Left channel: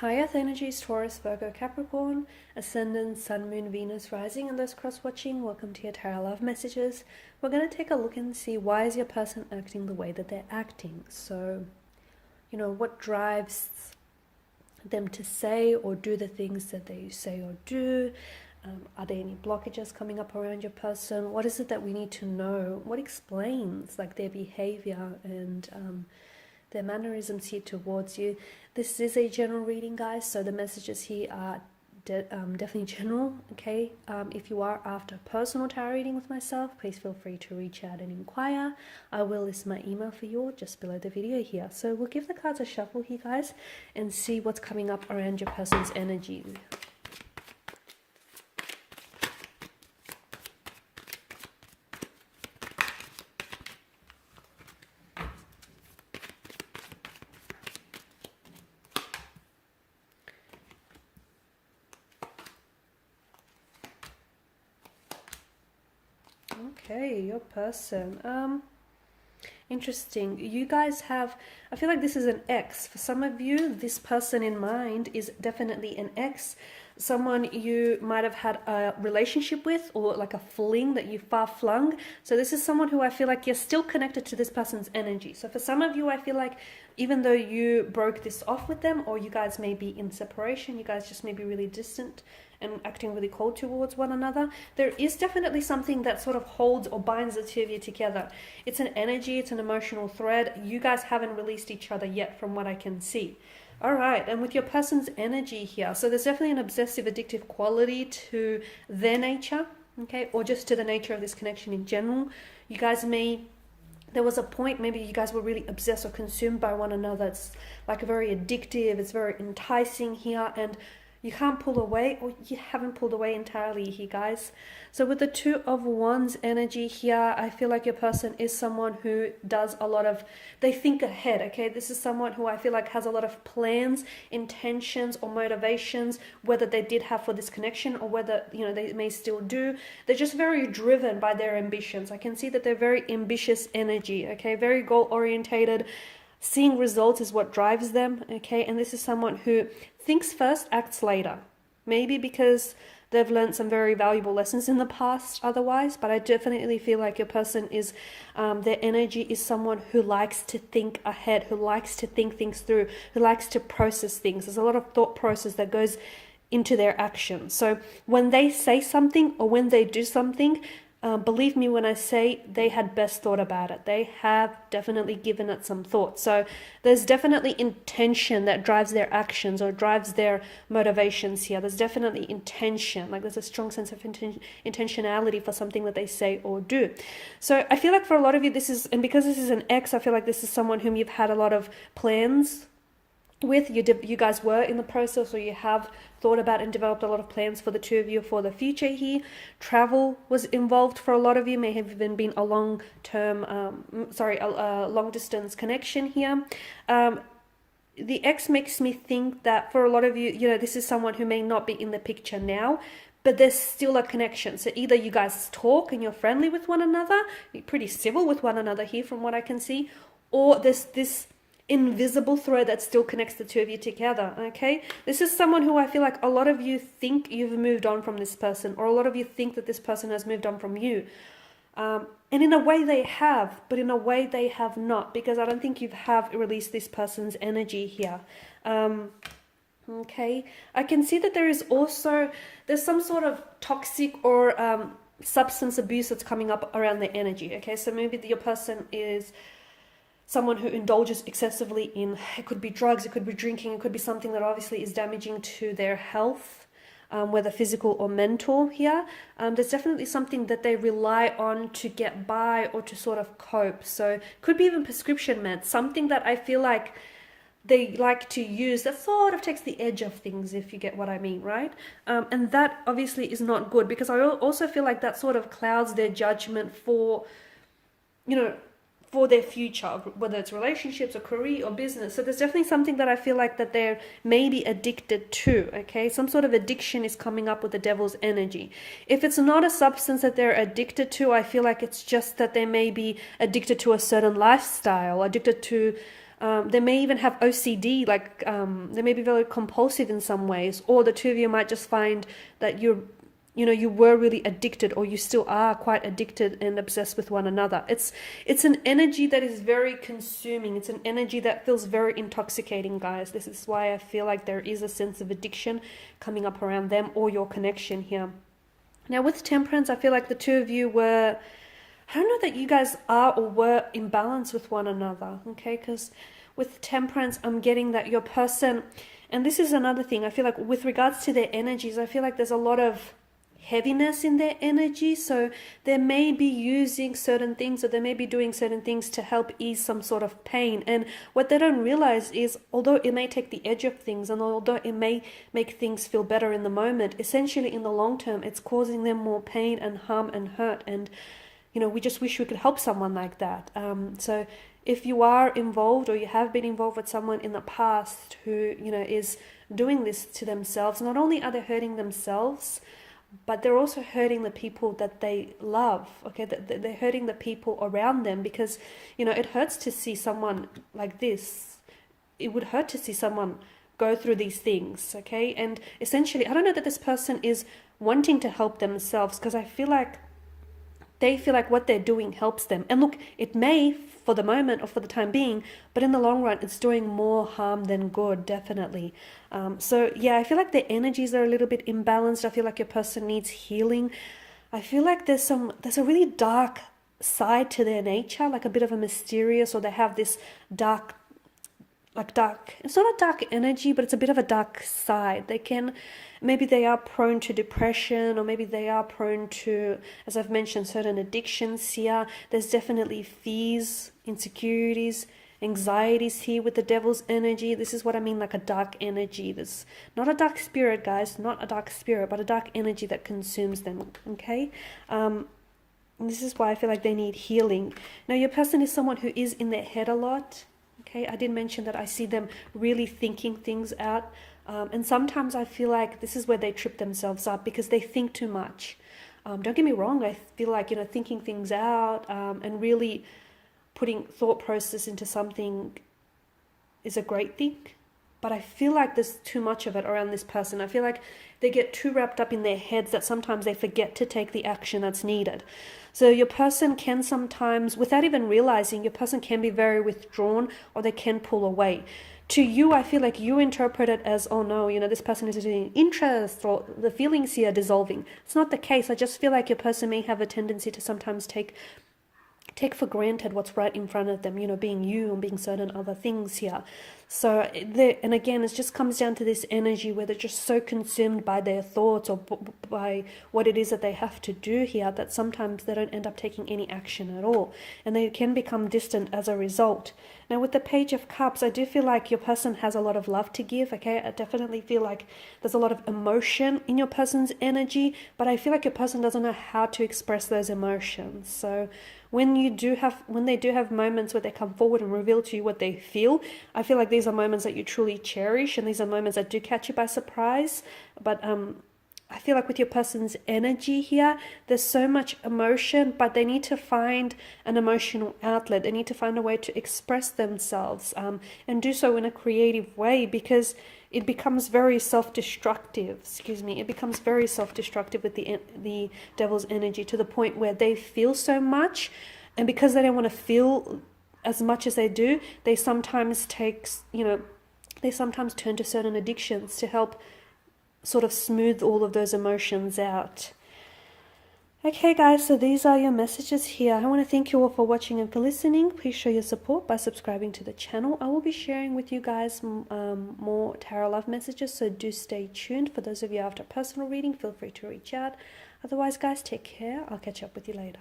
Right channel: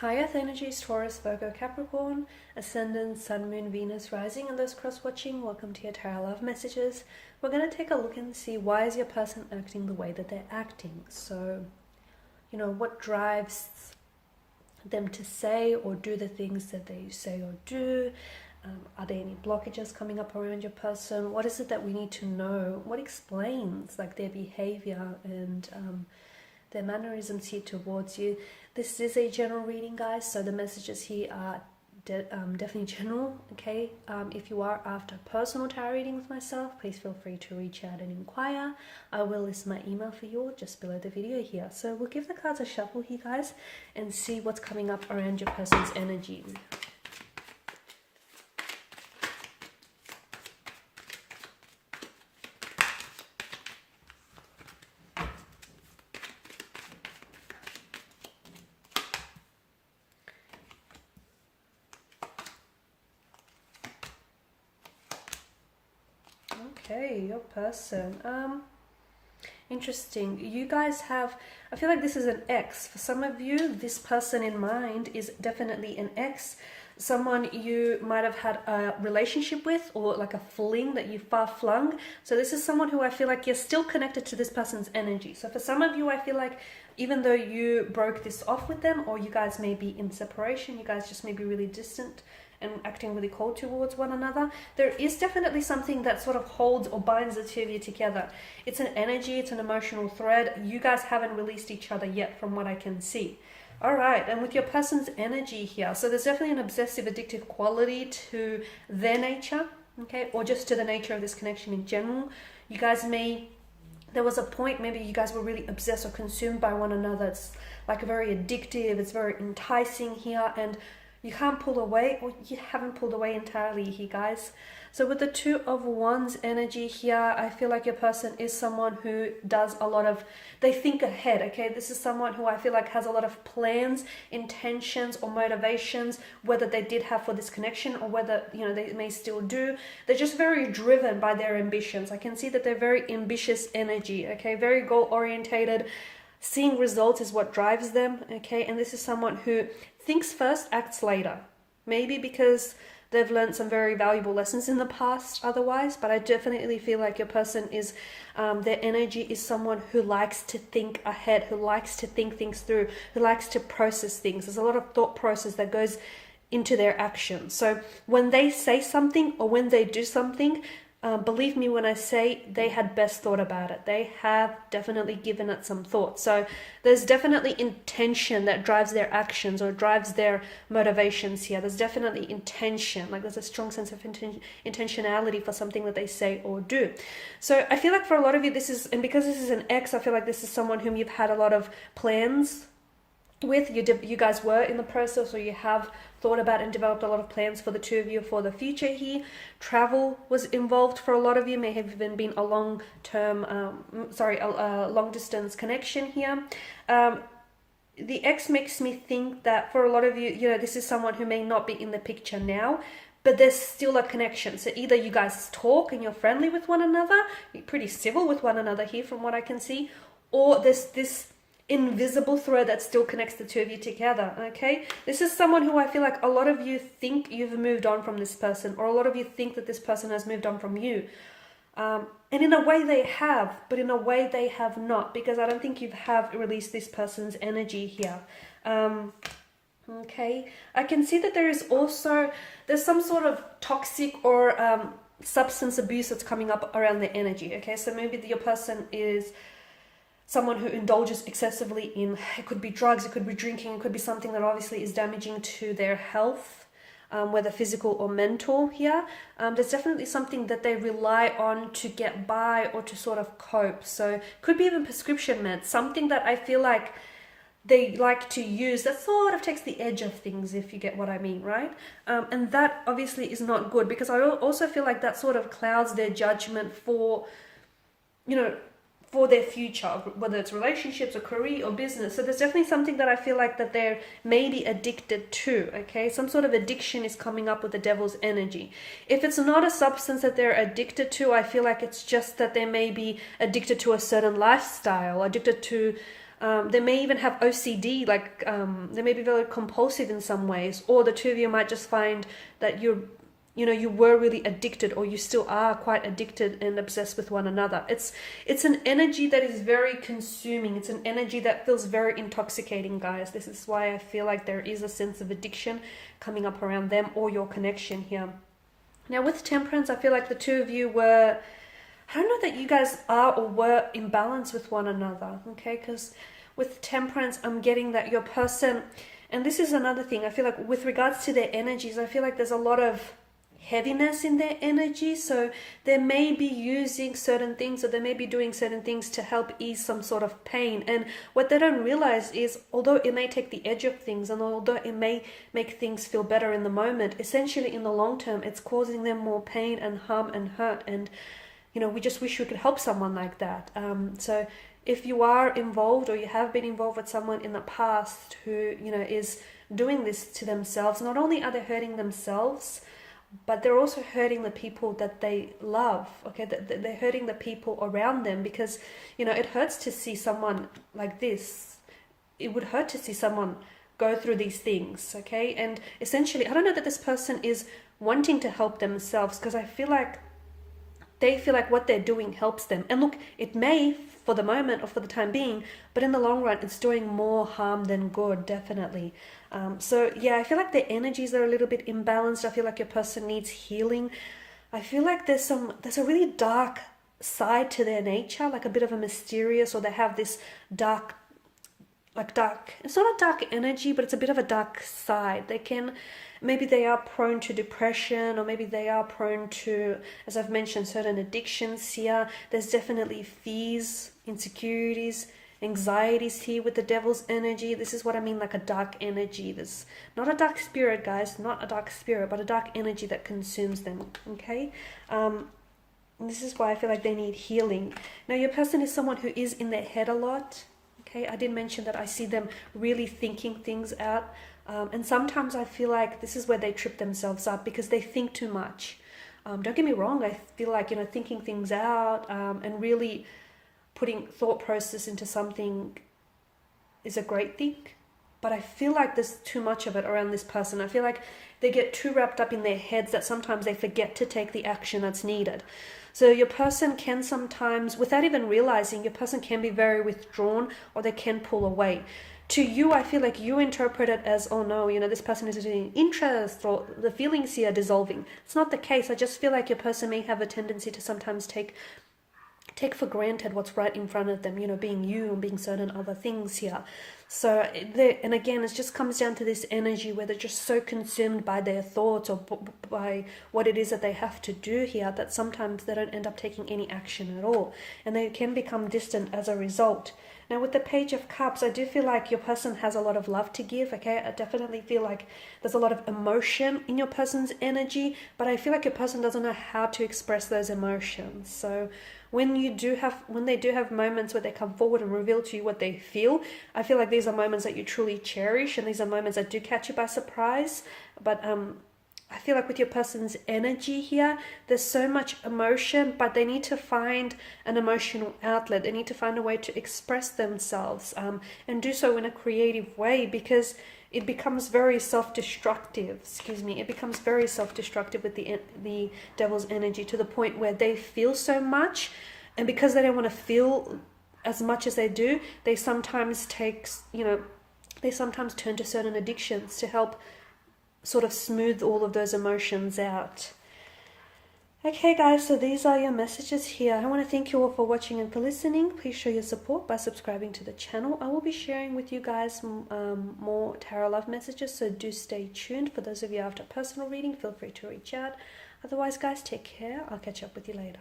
Hi Earth energies, Taurus, Virgo, Capricorn, Ascendant, Sun, Moon, Venus, Rising, and those cross-watching. Welcome to your Tarot Love Messages. We're going to take a look and see why is your person acting the way that they're acting. So, what drives them to say or do the things that they say or do? Are there any blockages coming up around your person? What is it that we need to know? What explains their behavior and their mannerisms here towards you? This is a general reading, guys, so the messages here are definitely general, okay? If you are after personal tarot reading with myself, please feel free to reach out and inquire. I will list my email for you just below the video here. So we'll give the cards a shuffle here, guys, and see what's coming up around your person's energy. Okay, your person. Interesting. You guys have, I feel like this is an ex. For some of you, this person in mind is definitely an ex. Someone you might have had a relationship with, or like a fling that you far flung. So this is someone who I feel like you're still connected to this person's energy. So for some of you, I feel like even though you broke this off with them, or you guys may be in separation, you guys just may be really distant and acting really cold towards one another, there is definitely something that sort of holds or binds the two of you together. It's an energy, it's an emotional thread. You guys haven't released each other yet from what I can see. All right, and with your person's energy here, so there's definitely an obsessive, addictive quality to their nature, okay, or just to the nature of this connection in general. You guys may, there was a point maybe you guys were really obsessed or consumed by one another. It's like very addictive, it's very enticing here, and you can't pull away, or you haven't pulled away entirely here, guys. So with the Two of Wands energy here, I feel like your person is someone who does a lot of, they think ahead, okay? This is someone who I feel like has a lot of plans, intentions, or motivations, whether they did have for this connection or whether, they may still do. They're just very driven by their ambitions. I can see that they're very ambitious energy, okay? Very goal-orientated. Seeing results is what drives them, okay? And this is someone who thinks first, acts later. Maybe because they've learned some very valuable lessons in the past otherwise, but I definitely feel like your person is, their energy is someone who likes to think ahead, who likes to think things through, who likes to process things. There's a lot of thought process that goes into their actions. So when they say something or when they do something, believe me when I say they had best thought about it. They have definitely given it some thought. So there's definitely intention that drives their actions or drives their motivations here. There's definitely intention. Like there's a strong sense of intentionality for something that they say or do. So I feel like for a lot of you, this is, and because this is an ex, I feel like this is someone whom you've had a lot of plans with. You guys were in the process, or you have thought about and developed a lot of plans for the two of you for the future here. Travel was involved for a lot of you, may have even been a long-term, a long-distance connection here. The ex makes me think that for a lot of you, this is someone who may not be in the picture now, but there's still a connection. So either you guys talk and you're friendly with one another, you're pretty civil with one another here from what I can see, or there's this invisible thread that still connects the two of you together, okay? This is someone who I feel like a lot of you think you've moved on from this person, or a lot of you think that this person has moved on from you. And in a way they have, but in a way they have not, because I don't think you have released this person's energy here. Okay, I can see that there's some sort of toxic or substance abuse that's coming up around the energy, okay? So maybe your person is someone who indulges excessively in, it could be drugs, it could be drinking, it could be something that obviously is damaging to their health, whether physical or mental here. There's definitely something that they rely on to get by or to sort of cope. So could be even prescription meds, something that I feel like they like to use that sort of takes the edge of things, if you get what I mean, right? And that obviously is not good, because I also feel like that sort of clouds their judgment for, for their future, whether it's relationships or career or business. So there's definitely something that I feel like that they're maybe addicted to, okay? Some sort of addiction is coming up with the devil's energy. If it's not a substance that they're addicted to, I feel like it's just that they may be addicted to a certain lifestyle, addicted to They may even have OCD, like they may be very compulsive in some ways, or the two of you might just find that you were really addicted, or you still are quite addicted and obsessed with one another. It's an energy that is very consuming. It's an energy that feels very intoxicating, guys. This is why I feel like there is a sense of addiction coming up around them or your connection here. Now with Temperance, I feel like the two of you were, I don't know that you guys are or were in balance with one another, okay? Because with Temperance, I'm getting that your person, and this is another thing, I feel like with regards to their energies, I feel like there's a lot of heaviness in their energy. So they may be using certain things, or they may be doing certain things to help ease some sort of pain. And what they don't realize is, although it may take the edge of things, and although it may make things feel better in the moment, essentially in the long term, it's causing them more pain and harm and hurt. And we just wish we could help someone like that. So if you are involved, or you have been involved with someone in the past who, is doing this to themselves, not only are they hurting themselves, but they're also hurting the people that they love, okay? They're hurting the people around them, because, it hurts to see someone like this. It would hurt to see someone go through these things, okay? And essentially, I don't know that this person is wanting to help themselves, because I feel like they feel like what they're doing helps them. And look, it may for the moment or for the time being, but in the long run, it's doing more harm than good, definitely. So yeah, I feel like their energies are a little bit imbalanced. I feel like your person needs healing. I feel like there's a really dark side to their nature, like a bit of a mysterious, or they have this dark, it's not a dark energy, but it's a bit of a dark side. Maybe they are prone to depression, or maybe they are prone to, as I've mentioned, certain addictions here. There's definitely fears, insecurities, anxieties here with the Devil's energy. This is what I mean, like a dark energy. There's not a dark spirit, guys, not a dark spirit, but a dark energy that consumes them, okay? And this is why I feel like they need healing. Now, your person is someone who is in their head a lot, okay? I did mention that I see them really thinking things out. And sometimes I feel like this is where they trip themselves up, because they think too much. Don't get me wrong, I feel like, thinking things out and really putting thought process into something is a great thing. But I feel like there's too much of it around this person. I feel like they get too wrapped up in their heads that sometimes they forget to take the action that's needed. So your person can sometimes, without even realizing, your person can be very withdrawn, or they can pull away. To you, I feel like you interpret it as, oh no, this person is in interest, or the feelings here are dissolving. It's not the case. I just feel like your person may have a tendency to sometimes take for granted what's right in front of them, being you and being certain other things here. So, and again, it just comes down to this energy where they're just so consumed by their thoughts, or by what it is that they have to do here, that sometimes they don't end up taking any action at all. And they can become distant as a result. Now, with the Page of Cups, I do feel like your person has a lot of love to give, okay? I definitely feel like there's a lot of emotion in your person's energy, but I feel like your person doesn't know how to express those emotions. So when they do have moments where they come forward and reveal to you what they feel, I feel like these are moments that you truly cherish, and these are moments that do catch you by surprise. But I feel like with your person's energy here, there's so much emotion, but they need to find an emotional outlet. They need to find a way to express themselves and do so in a creative way, because it becomes very self-destructive. It becomes very self-destructive with the Devil's energy, to the point where they feel so much, and because they don't want to feel as much as they do, they sometimes turn to certain addictions to help sort of smooth all of those emotions out. Okay guys, so these are your messages here. I want to thank you all for watching and for listening. Please show your support by subscribing to the channel. I will be sharing with you guys more tarot love messages, so do stay tuned. For those of you after personal reading, feel free to reach out. Otherwise guys, take care. I'll catch up with you later.